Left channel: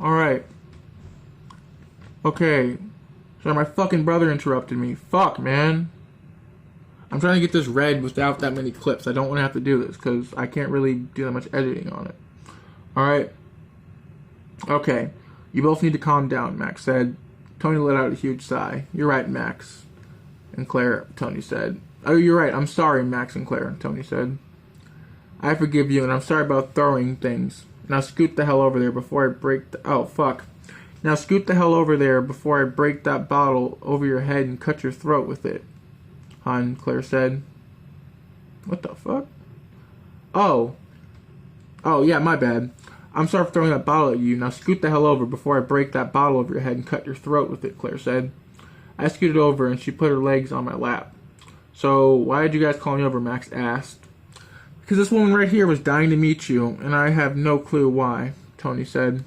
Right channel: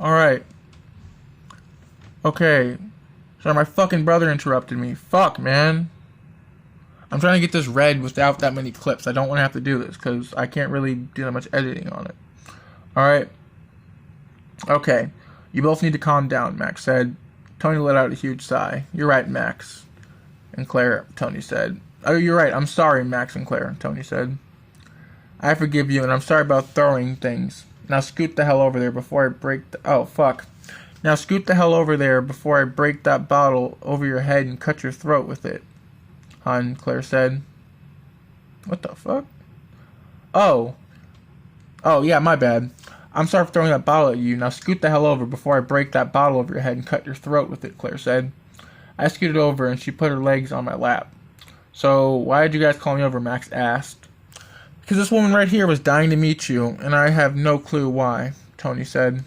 Alright. Okay. Sorry, my fucking brother interrupted me. Fuck, man. I'm trying to get this read without that many clips. I don't want to have to do this because I can't really do that much editing on it. Alright. Okay. You both need to calm down, Max said. Tony let out a huge sigh. You're right, Max. And Claire, Tony said. Oh, you're right. I'm sorry, Max and Claire, Tony said. I forgive you, and I'm sorry about throwing things. Now scoot the hell over there before I break the... Oh, fuck. Now scoot the hell over there before I break that bottle over your head and cut your throat with it, hon, Claire said. What the fuck? Oh. Oh, yeah, my bad. I'm sorry for throwing that bottle at you. Now scoot the hell over before I break that bottle over your head and cut your throat with it, Claire said. I scooted over, and she put her legs on my lap. So, why did you guys call me over, Max asked. Because this woman right here was dying to meet you, and I have no clue why, Tony said.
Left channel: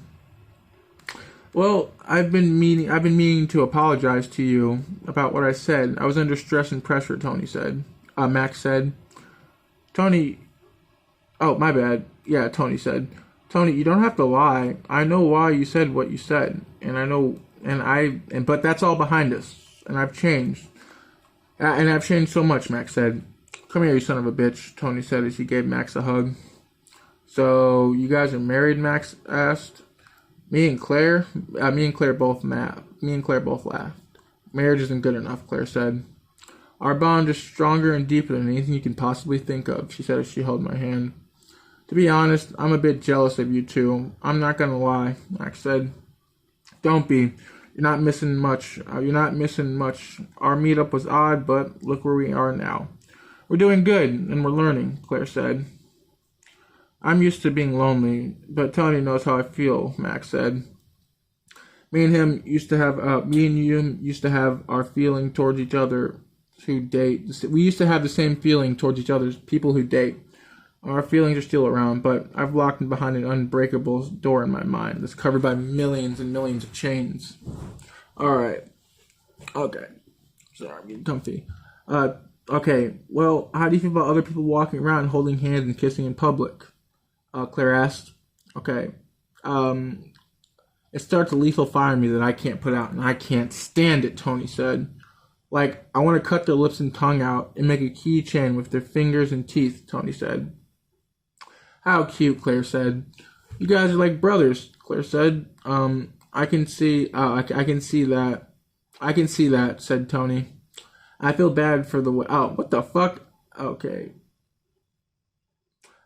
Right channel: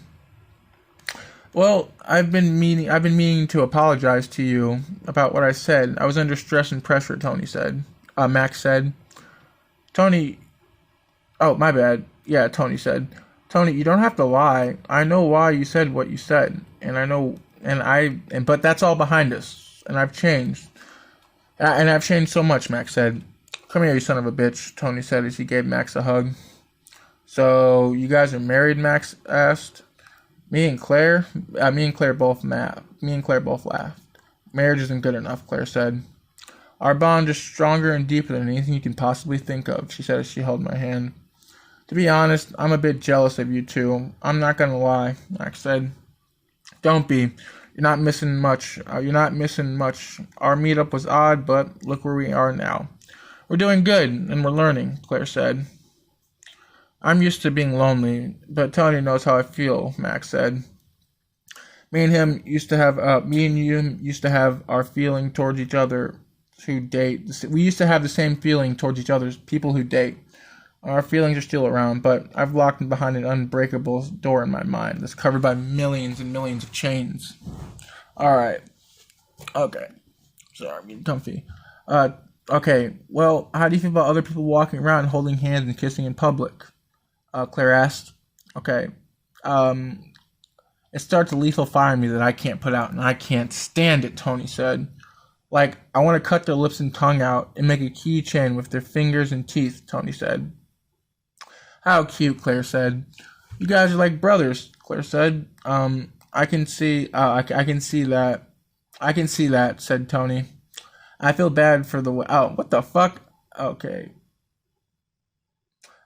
Well, I've been meaning to apologize to you about what I said. I was under stress and pressure, Tony said. Max said. Tony... Oh, my bad. Yeah, Tony said. Tony, you don't have to lie. I know why you said what you said, and I know... But that's all behind us, and I've changed. And I've changed so much, Max said. Come here, you son of a bitch, Tony said as he gave Max a hug. So, you guys are married, Max asked. Me and Claire both laughed. Marriage isn't good enough, Claire said. Our bond is stronger and deeper than anything you can possibly think of, she said as she held my hand. To be honest, I'm a bit jealous of you two. I'm not gonna lie, Max said. Don't be. You're not missing much. Our meetup was odd, but look where we are now. We're doing good, and we're learning, Claire said. I'm used to being lonely, but Tony knows how I feel, Max said. Me and you used to have our feeling towards each other who date. We used to have the same feeling towards each other as people who date. Our feelings are still around, but I've locked them behind an unbreakable door in my mind that's covered by millions and millions of chains. Alright. Okay. Sorry, I'm getting comfy. Okay. Well, how do you feel about other people walking around holding hands and kissing in public? Claire asked. Okay. It starts a lethal fire in me that I can't put out, and I can't stand it, Tony said. Like, I want to cut their lips and tongue out and make a keychain with their fingers and teeth, Tony said. How cute, Claire said. You guys are like brothers, Claire said. I can see that. I can see that, said Tony. I feel bad for the way... Oh, what the fuck? Okay.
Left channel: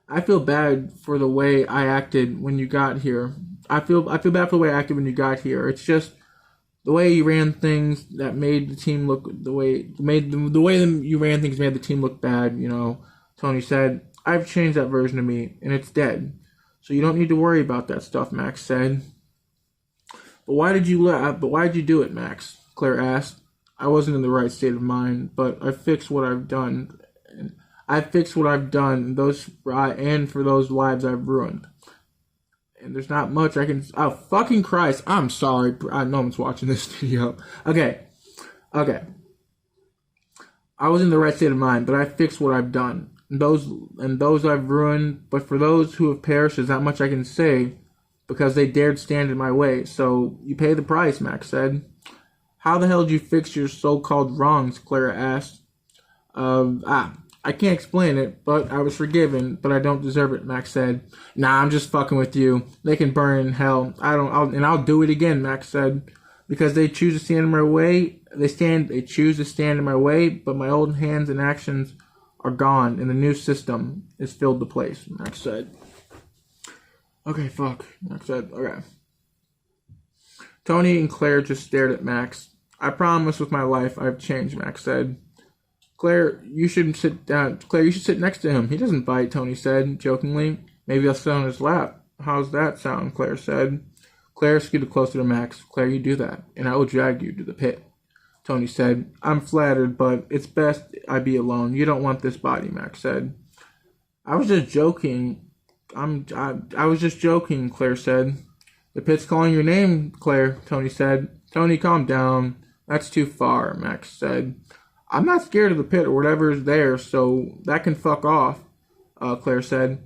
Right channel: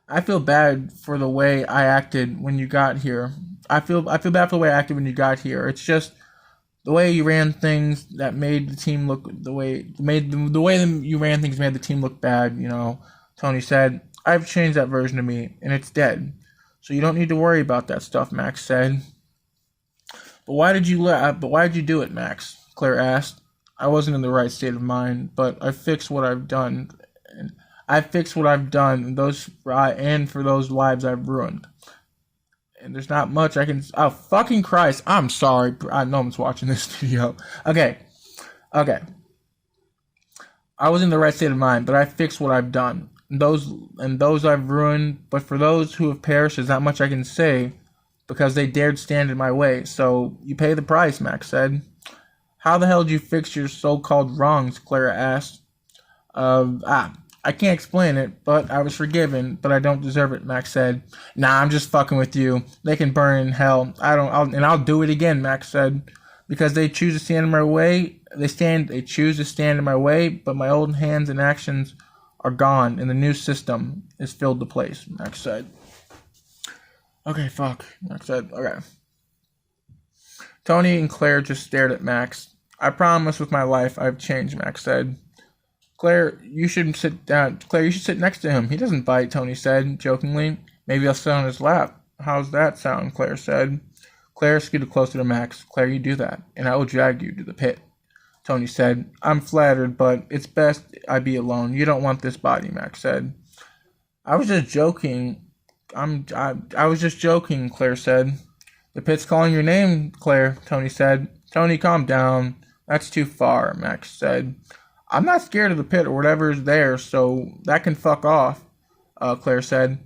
I feel bad for the way I acted when you got here. I feel bad for the way I acted when you got here. It's just the way you ran things that made the team look... The way you ran things made the team look bad, you know, Tony said. I've changed that version of me, and it's dead. So you don't need to worry about that stuff, Max said. But why did you do it, Max? Claire asked. I wasn't in the right state of mind, but I fixed what I've done. And for those lives I've ruined. And there's not much I can... Oh, fucking Christ. I'm sorry. No one's watching this video. Okay. I was in the right state of mind, but I fixed what I've done. Those I've ruined, but for those who have perished, there's not much I can say because they dared stand in my way. So you pay the price, Max said. How the hell did you fix your so-called wrongs? Clara asked. I can't explain it, but I was forgiven, but I don't deserve it, Max said. Nah, I'm just fucking with you. They can burn in hell. I'll do it again, Max said. Because they choose to stand in my way. They choose to stand in my way, but my old hands and actions are gone, and the new system is filled to place, Max said. Okay, fuck, Max said. Okay. Tony and Claire just stared at Max. I promise with my life I've changed, Max said. Claire, you shouldn't sit down. Claire, you should sit next to him. He doesn't bite, Tony said, jokingly. Maybe I'll sit on his lap. How's that sound, Claire said. Claire scooted closer to Max. Claire, you do that, and I will drag you to the pit. Tony said. I'm flattered, but it's best I be alone. You don't want this body, Max said. I was just joking. I was just joking, Claire said. The pit's calling your name, Claire, Tony said. Tony, calm down. That's too far, Max said. I'm not scared of the pit or whatever's there, so that can fuck off, Claire said.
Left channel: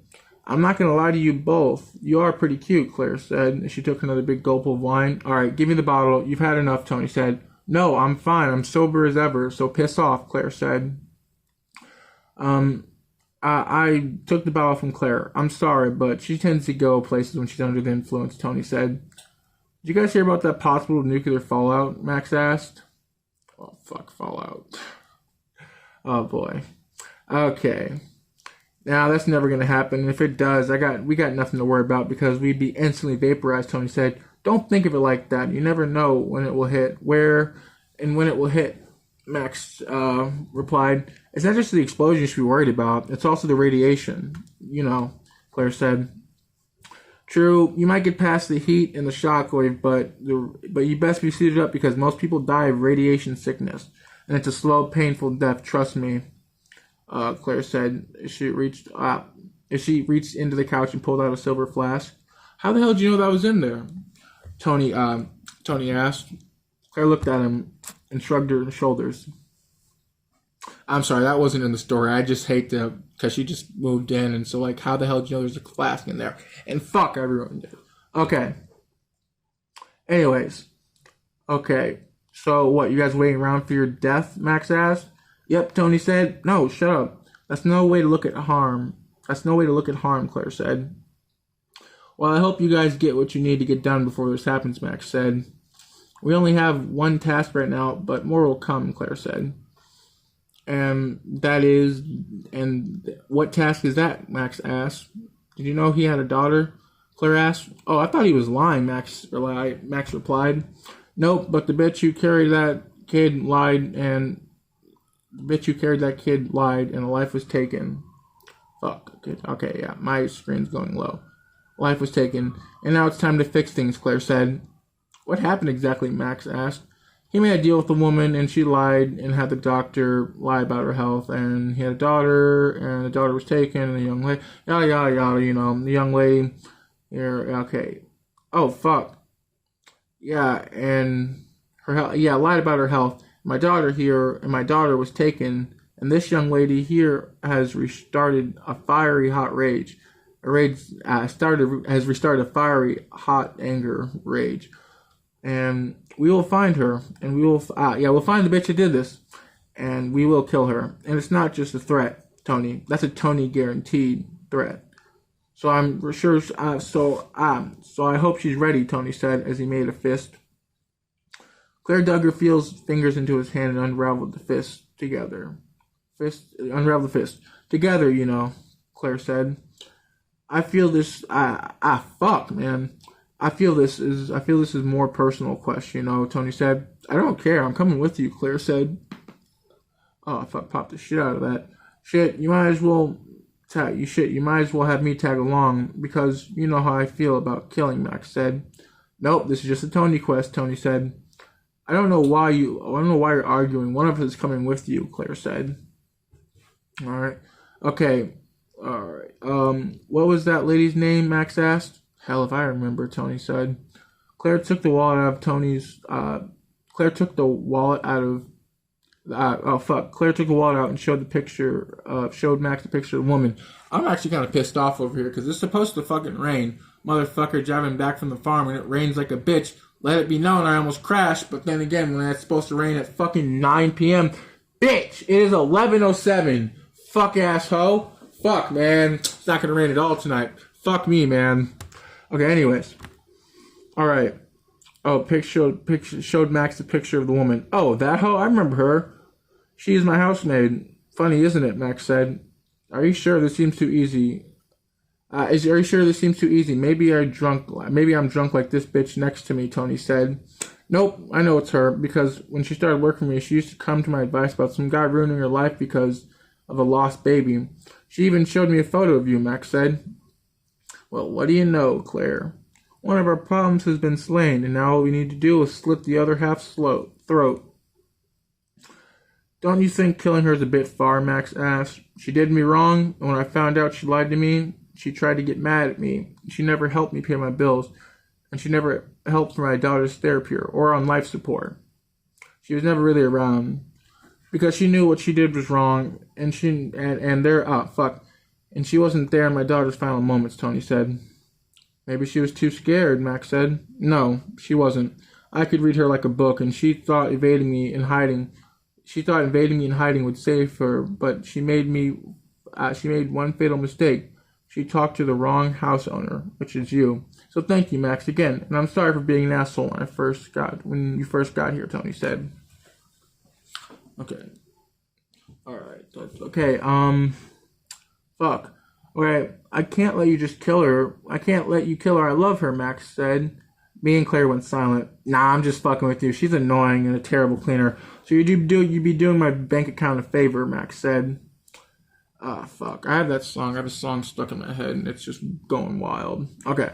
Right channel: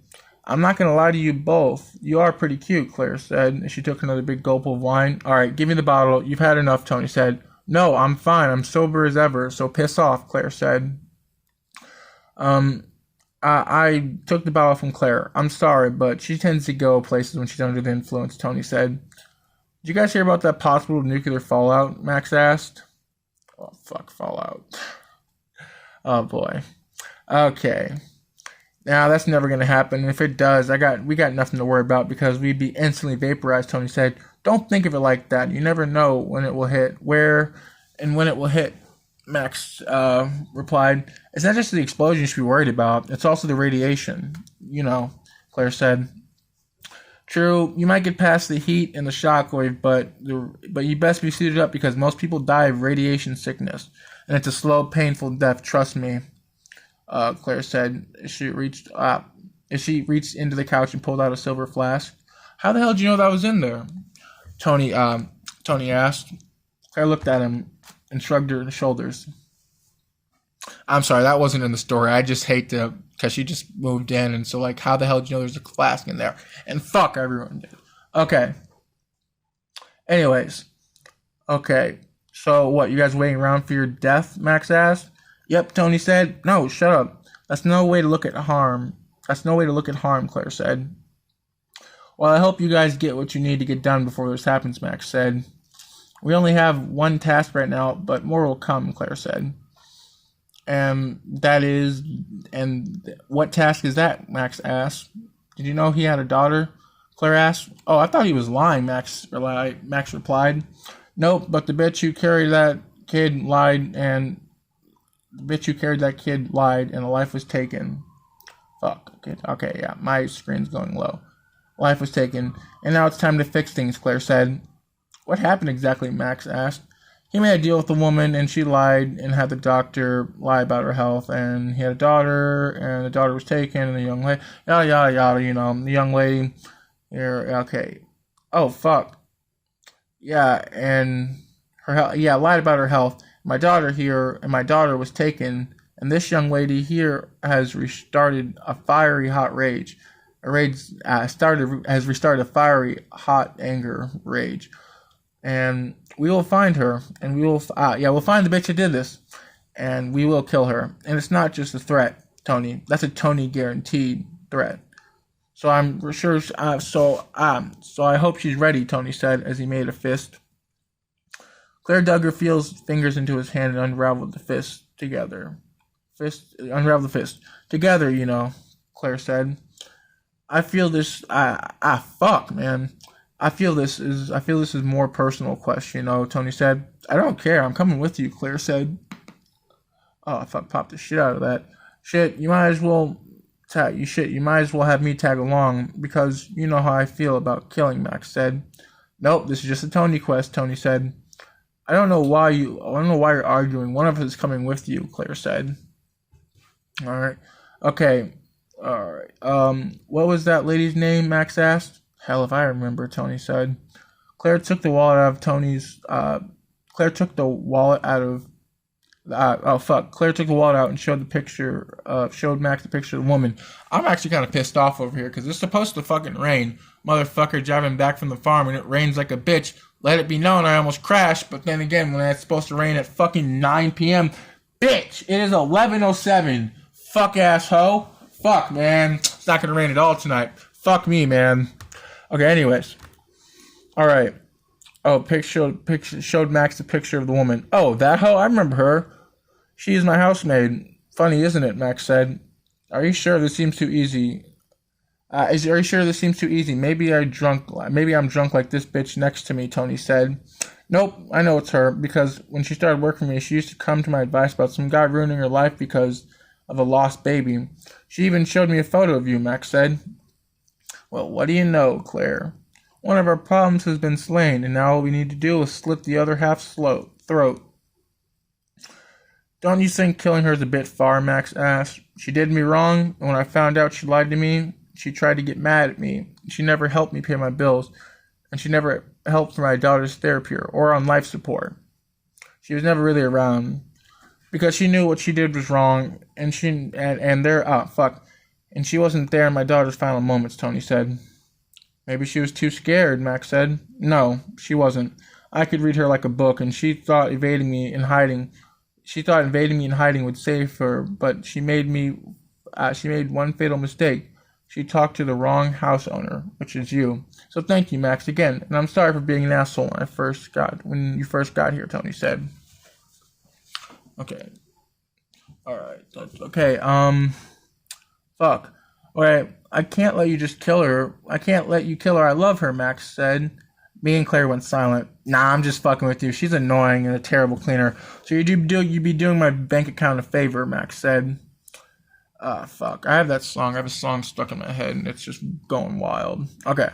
I'm not gonna lie to you both. You are pretty cute, Claire said, and she took another big gulp of wine. Alright, give me the bottle. You've had enough, Tony said. No, I'm fine. I'm sober as ever, so piss off, Claire said. I took the bottle from Claire. I'm sorry, but she tends to go places when she's under the influence, Tony said. Did you guys hear about that possible nuclear fallout? Max asked. Oh, fuck, fallout. Oh, boy. Okay. Now, that's never going to happen. If it does, we got nothing to worry about because we'd be instantly vaporized, Tony said. Don't think of it like that. You never know when it will hit, where, and when it will hit, Max replied. It's not just the explosion you should be worried about. It's also the radiation, Claire said. True, you might get past the heat and the shockwave, but you best be suited up because most people die of radiation sickness. And it's a slow, painful death, trust me, Claire said as she reached into the couch and pulled out a silver flask. How the hell did you know that was in there? Tony asked. Claire looked at him and shrugged her shoulders. I'm sorry, that wasn't in the story. I just hate to, because she just moved in, and so, like, how the hell did you know there's a flask in there? And fuck, everyone did. Okay. Anyways. Okay. So, what, you guys waiting around for your death, Max asked? Yep, Tony said. No, shut up. That's no way to look at harm. Claire said. Well, I hope you guys get what you need to get done before this happens, Max said. We only have one task right now, but more will come, Claire said. And what task is that? Max asked. Did you know he had a daughter? Claire asked. Oh, I thought he was lying, Max replied. Nope, but the bitch who carried that kid lied, and a life was taken. Fuck. Okay, yeah, my screen's going low. Life was taken, and now it's time to fix things, Claire said. What happened exactly? Max asked. He made a deal with the woman, and she lied and had the doctor lie about her health, and he had a daughter, and the daughter was taken, and the young lady, yada, yada, the young lady, here, okay. Oh, fuck. Yeah, and her health, lied about her health. My daughter was taken, and this young lady here has restarted a fiery hot rage. Has restarted a fiery hot anger rage. And we will find her, and we'll find the bitch who did this, and we will kill her. And it's not just a threat, Tony. That's a Tony guaranteed threat. So I'm sure. So I hope she's ready, Tony said as he made a fist. Claire dug her fingers into his hand and unraveled the fist together. Unraveled the fist together. Claire said. I feel this. Fuck, man. I feel this is more personal quest, Tony said. I don't care. I'm coming with you, Claire said. Oh, I popped the shit out of that. Shit, you might as well have me tag along because you know how I feel about killing, Max said. Nope, this is just a Tony quest, Tony said. I don't know why you're arguing. One of us is coming with you, Claire said. Alright. Okay. Alright. What was that lady's name? Max asked. Hell if I remember, Tony said. Claire took the wallet out of Claire took the wallet out and showed Max the picture of the woman. I'm actually kind of pissed off over here because it's supposed to fucking rain. Motherfucker driving back from the farm and it rains like a bitch. Let it be known I almost crashed, but then again, when it's supposed to rain at fucking 9 p.m., bitch, it is 11:07. Fuck asshole. Fuck, man. It's not gonna rain at all tonight. Fuck me, man. Okay, anyways. Alright. Oh, showed Max the picture of the woman. Oh, that hoe? I remember her. She is my housemaid. Funny, isn't it? Max said. Are you sure this seems too easy? Are you sure this seems too easy? Maybe I'm drunk like this bitch next to me, Tony said. Nope, I know it's her, because when she started working for me, she used to come to my advice about some guy ruining her life because of a lost baby. She even showed me a photo of you, Max said. Well, what do you know, Claire? One of our problems has been slain, and now all we need to do is slit the other half's throat. Don't you think killing her is a bit far, Max asked. She did me wrong, and when I found out she lied to me, she tried to get mad at me. She never helped me pay my bills, and she never helped for my daughter's therapy or on life support. She was never really around, because she knew what she did was wrong, and And she wasn't there in my daughter's final moments, Tony said. Maybe she was too scared, Max said. No, she wasn't. I could read her like a book, and she thought invading me in hiding would save her, but she made one fatal mistake. She talked to the wrong house owner, which is you. So thank you, Max, again. And I'm sorry for being an asshole when you first got here, Tony said. Okay. Alright, that's okay. Fuck. Alright, I can't let you just kill her. I can't let you kill her. I love her, Max said. Me and Claire went silent. Nah, I'm just fucking with you. She's annoying and a terrible cleaner. So you'd be doing my bank account a favor, Max said. Fuck. I have that song. I have a song stuck in my head, and it's just going wild. Okay.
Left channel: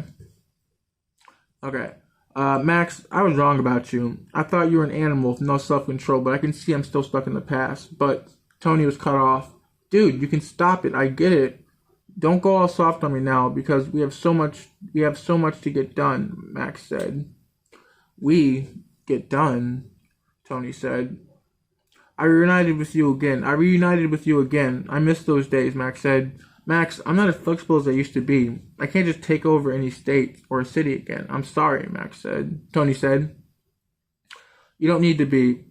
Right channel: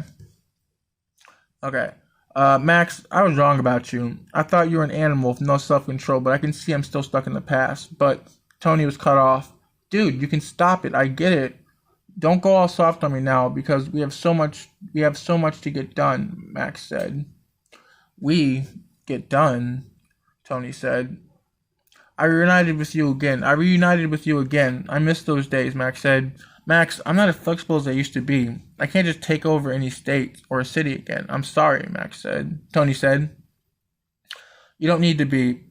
Max, I was wrong about you. I thought you were an animal with no self-control, but I can see I'm still stuck in the past. But Tony was cut off. Dude, you can stop it. I get it. Don't go all soft on me now, because we have so much to get done, Max said. We get done, Tony said. I reunited with you again. I miss those days, Max said. Max, I'm not as flexible as I used to be. I can't just take over any state or a city again. I'm sorry, Max said. Tony said. You don't need to be.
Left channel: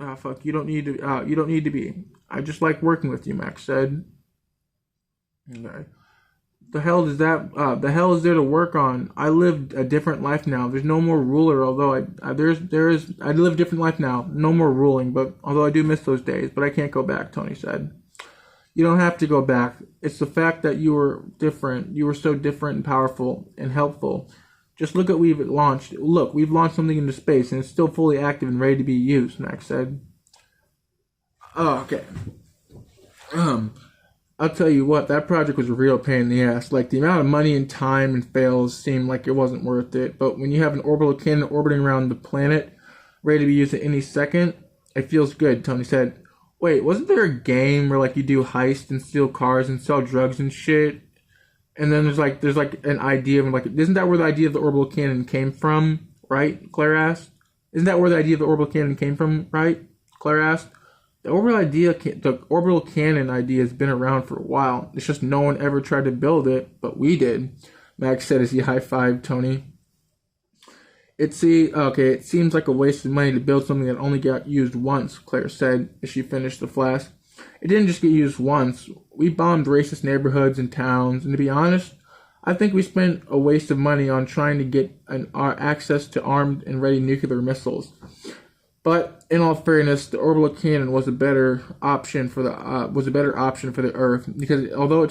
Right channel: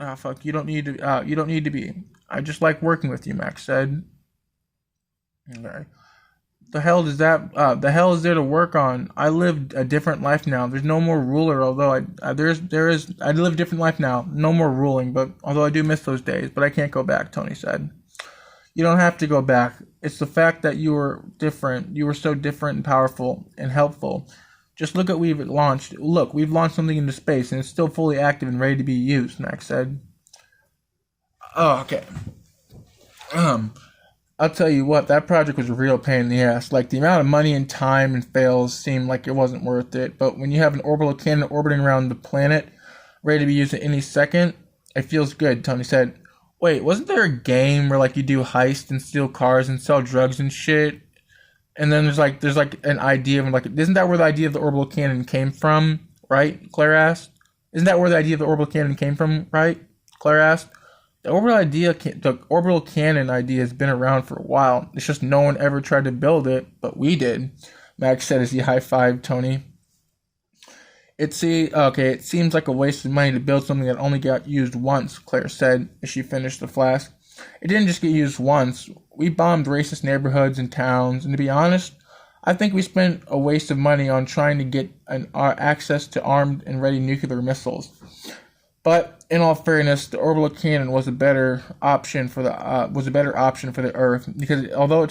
You don't need to be. I just like working with you, Max said. Okay. The hell is there to work on? I live a different life now. There's no more ruler, although I live a different life now. No more ruling, but although I do miss those days, but I can't go back, Tony said. You don't have to go back. It's the fact that you were different. You were so different and powerful and helpful. Just look at we've launched. Look, we've launched something into space and it's still fully active and ready to be used, Max said. Oh, okay. I'll tell you what, that project was a real pain in the ass. Like, the amount of money and time and fails seemed like it wasn't worth it. But when you have an orbital cannon orbiting around the planet, ready to be used at any second, it feels good, Tony said. Wait, wasn't there a game where, like, you do heists and steal cars and sell drugs and shit? And then there's an idea of, like, isn't that where the idea of the orbital cannon came from, right? Claire asked. Isn't that where the idea of the orbital cannon came from, right? Claire asked. The orbital cannon idea has been around for a while. It's just no one ever tried to build it, but we did, Max said as he high-fived Tony. It seems like a waste of money to build something that only got used once, Claire said as she finished the flask. It didn't just get used once. We bombed racist neighborhoods and towns, and to be honest, I think we spent a waste of money on trying to get access to armed and ready nuclear missiles. But in all fairness, the orbital cannon was a better option for the Earth because although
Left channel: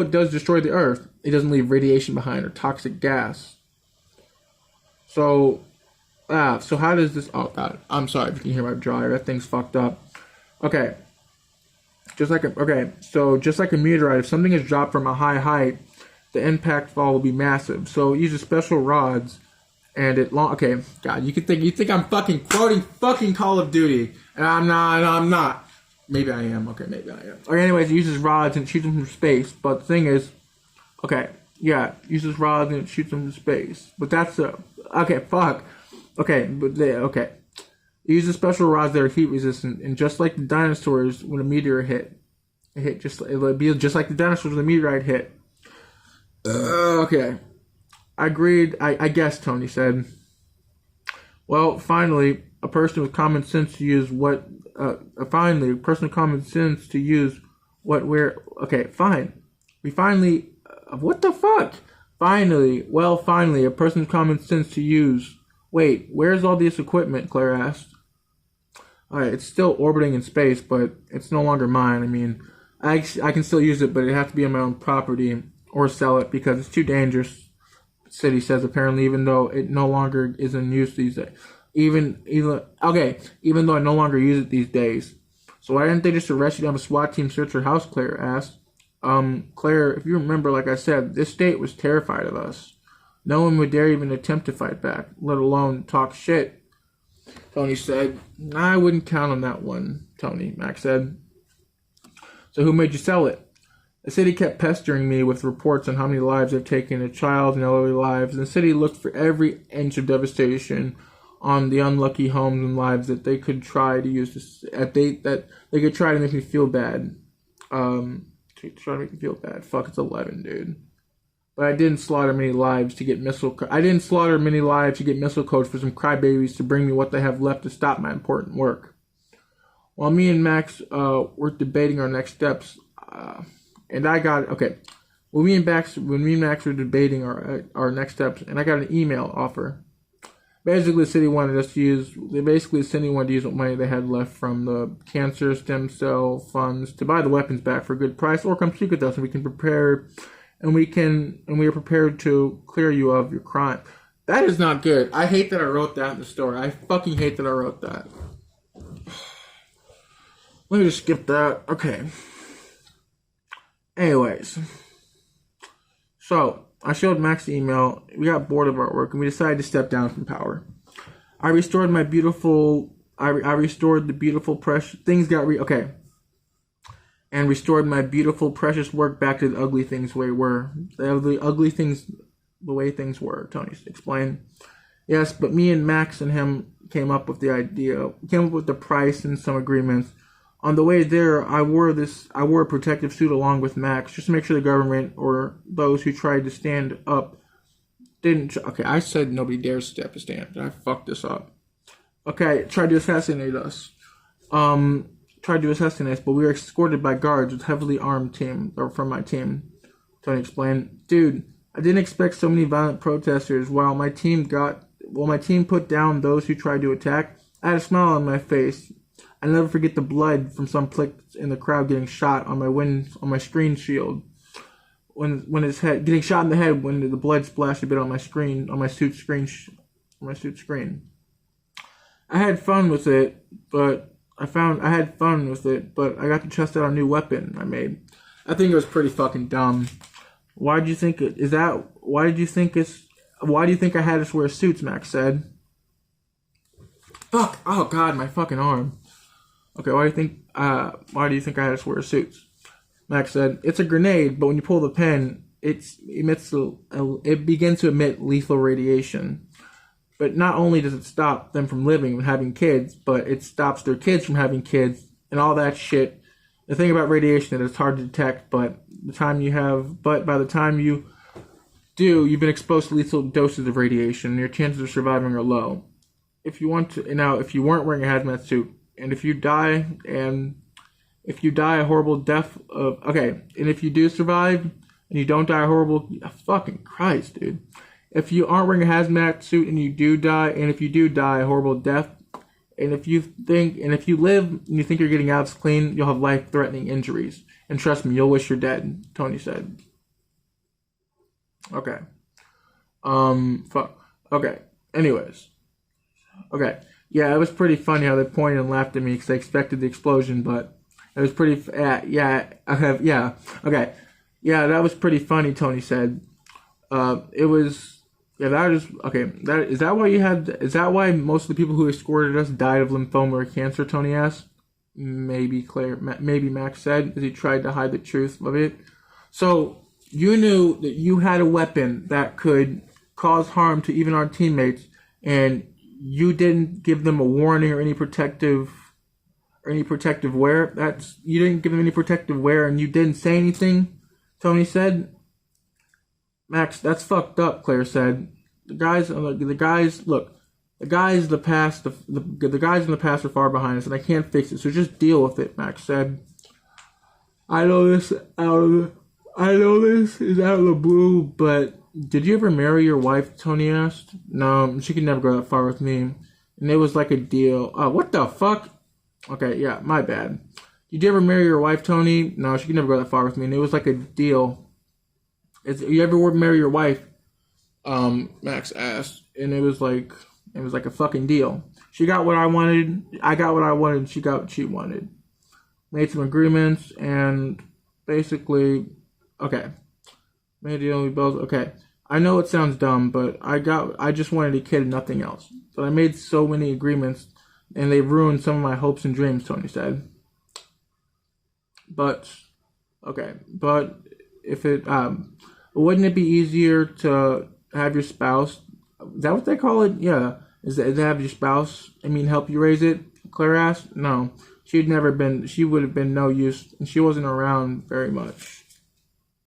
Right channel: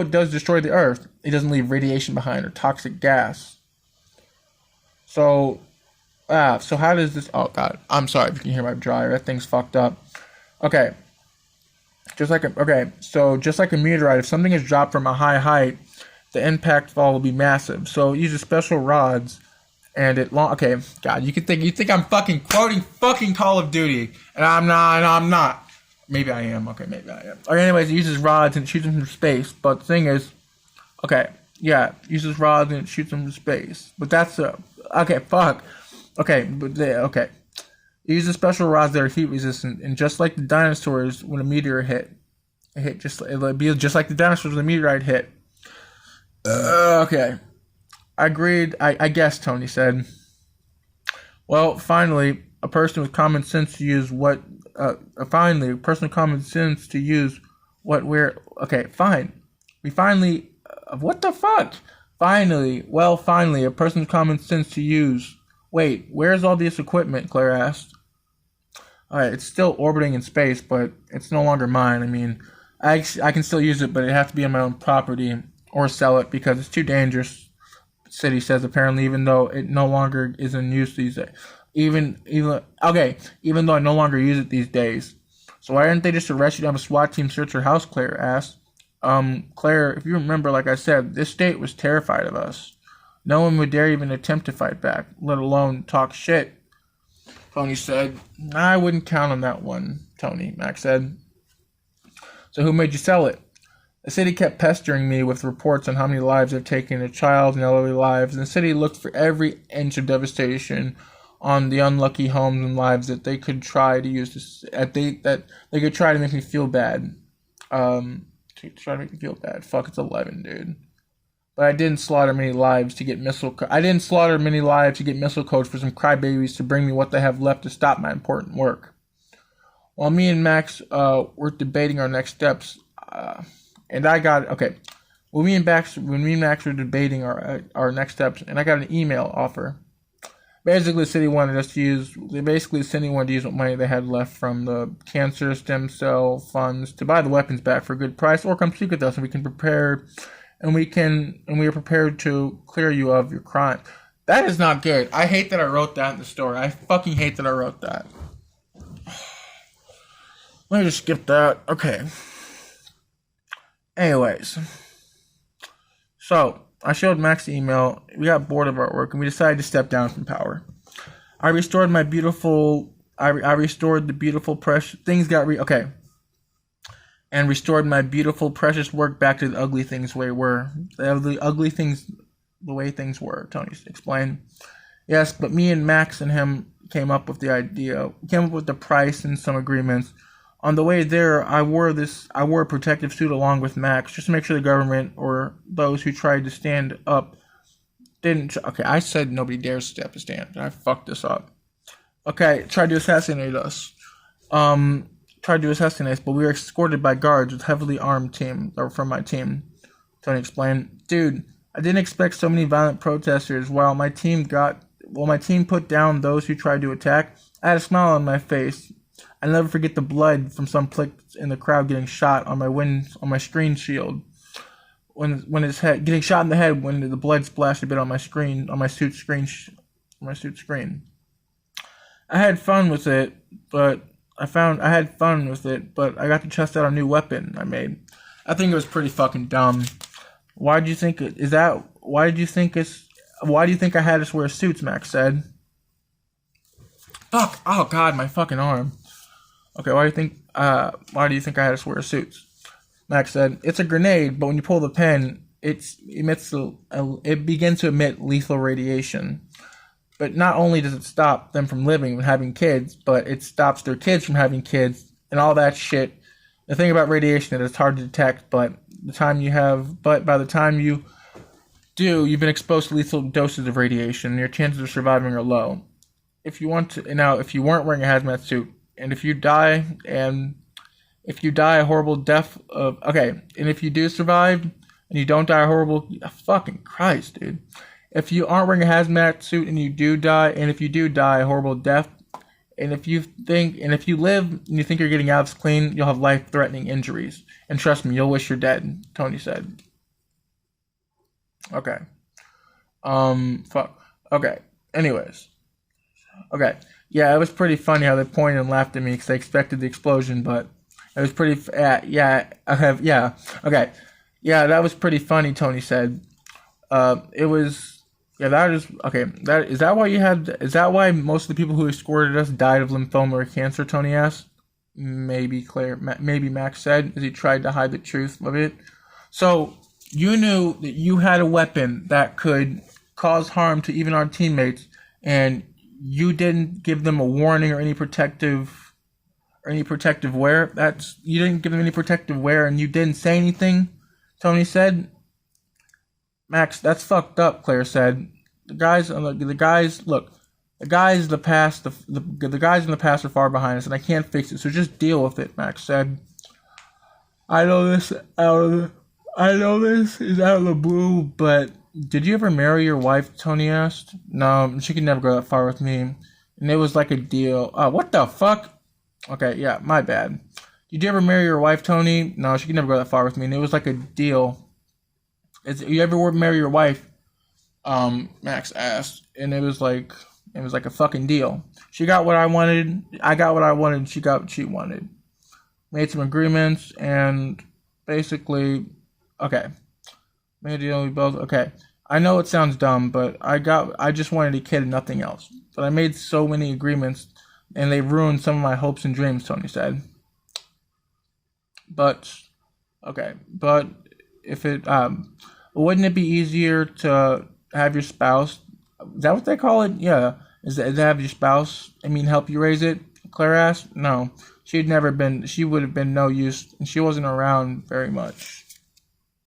it does destroy the Earth, it doesn't leave radiation behind or toxic gas. So how does this? Oh God, I'm sorry if you can hear my dryer. That thing's fucked up. Okay. Just like a meteorite, if something is dropped from a high height, the impact fall will be massive. So it uses special rods. And okay, God, you think I'm fucking quoting fucking Call of Duty, and I'm not. Maybe I am. Okay, maybe I am. Or anyways, it uses rods and shoots them from space. But the thing is, uses rods and shoots them from space. But that's okay. Fuck. Okay, okay. It uses special rods that are heat resistant, and just like the dinosaurs when a meteor hit, it'll be just like the dinosaurs when the meteorite hit. Okay. I agreed, I guess, Tony said. Well, finally, a person with common sense to use what... Okay, fine. We finally... what the fuck? Finally, a person with common sense to use... Wait, where's all this equipment, Claire asked. Alright, it's still orbiting in space, but it's no longer mine. I mean, I can still use it, but it has to be on my own property or sell it because it's too dangerous. City says apparently, even though it no longer is in use these days. Even though I no longer use it these days. So why didn't they just arrest you to have a SWAT team search your house, Claire asked. Claire, if you remember, like I said, this state was terrified of us. No one would dare even attempt to fight back, let alone talk shit. Tony said. I wouldn't count on that one, Tony, Max said. So who made you sell it? The city kept pestering me with reports on how many lives they've taken, of child and elderly lives, and the city looked for every inch of devastation on the unlucky homes and lives that they could try to use to make me feel bad. To to try to make me feel bad. Fuck, it's 11, dude. But I didn't slaughter many lives to get missile. I didn't slaughter many lives to get missile codes for some crybabies to bring me what they have left to stop my important work. While me and Max were debating our next steps, and I got okay. When me and Max were debating our next steps, and I got an email offer. Basically, the city wanted us to use. Basically, the city wanted to use what money they had left from the cancer stem cell funds to buy the weapons back for a good price, or come speak with us, and we can prepare. And we are prepared to clear you of your crime. That is not good. I hate that I wrote that in the story. I fucking hate that I wrote that. Let me just skip that. Okay. Anyways. So, I showed Max the email. We got bored of our work and we decided to step down from power. I restored the beautiful precious things and restored my beautiful, precious work back to the ugly things the way were. The way things were, Tony explained. Yes, but me and Max and him came up with the price and some agreements. On the way there, I wore a protective suit along with Max, just to make sure the government or those who tried to stand up didn't. Okay, I said nobody dares step a stand. I fucked this up. Okay, tried to assassinate us. But we were escorted by guards with heavily armed team, or from my team. Tony explained. Dude, I didn't expect so many violent protesters. While my team put down those who tried to attack, I had a smile on my face. I never forget the blood from some plick in the crowd getting shot on my screen shield. When his head getting shot in the head when the blood splashed a bit on my suit screen. I had fun with it, but I got to test out a new weapon I made. I think it was pretty fucking dumb. Why do you think I had us wear suits? Max said. Fuck! Oh god, my fucking arm. Okay, why do you think I had us wear suits? Max said, it's a grenade, but when you pull the pin, it begins to emit lethal radiation. But not only does it stop them from living and having kids, but it stops their kids from having kids and all that shit. The thing about radiation is it's hard to detect, but by the time you do, you've been exposed to lethal doses of radiation, and your chances of surviving are low. If you weren't wearing a hazmat suit, and if you die a horrible death and if you do survive and you don't die a horrible fucking Christ, dude. If you aren't wearing a hazmat suit and you do die, and if you do die a horrible death, and if you live and you think you're getting out clean, you'll have life-threatening injuries. And trust me, you'll wish you're dead, Tony said. Okay. Fuck. Okay. Anyways. Okay. Yeah, it was pretty funny how they pointed and laughed at me because they expected the explosion, but it was pretty. Okay. Yeah, that was pretty funny. Tony said. It was. Yeah, that is okay. Is that why most of the people who escorted us died of lymphoma or cancer? Tony asked. Maybe Max said as he tried to hide the truth of it. So you knew that you had a weapon that could cause harm to even our teammates, and you didn't give them a warning or any protective wear. You didn't give them any protective wear, and you didn't say anything. Tony said. Max, that's fucked up. Claire said. The guys in the past are far behind us, and I can't fix it. So just deal with it. Max said. I know this is out of the blue, but did you ever marry your wife? Tony asked. No, she could never go that far with me, and it was like a deal. What the fuck? Okay, yeah, my bad. Did you ever marry your wife, Tony? No, she could never go that far with me, and it was like a deal. You ever marry your wife? Max asked, and it was like a fucking deal. She got what I wanted, I got what I wanted, and she got what she wanted. Made some agreements, and basically, okay. Made a deal, we both, okay. I know it sounds dumb, but I just wanted a kid and nothing else. But I made so many agreements, and they ruined some of my hopes and dreams, Tony said. But if it, wouldn't it be easier to have your spouse, is that what they call it? Yeah. Is to have your spouse, help you raise it? Claire asked. No. She would have been no use, and she wasn't around very much.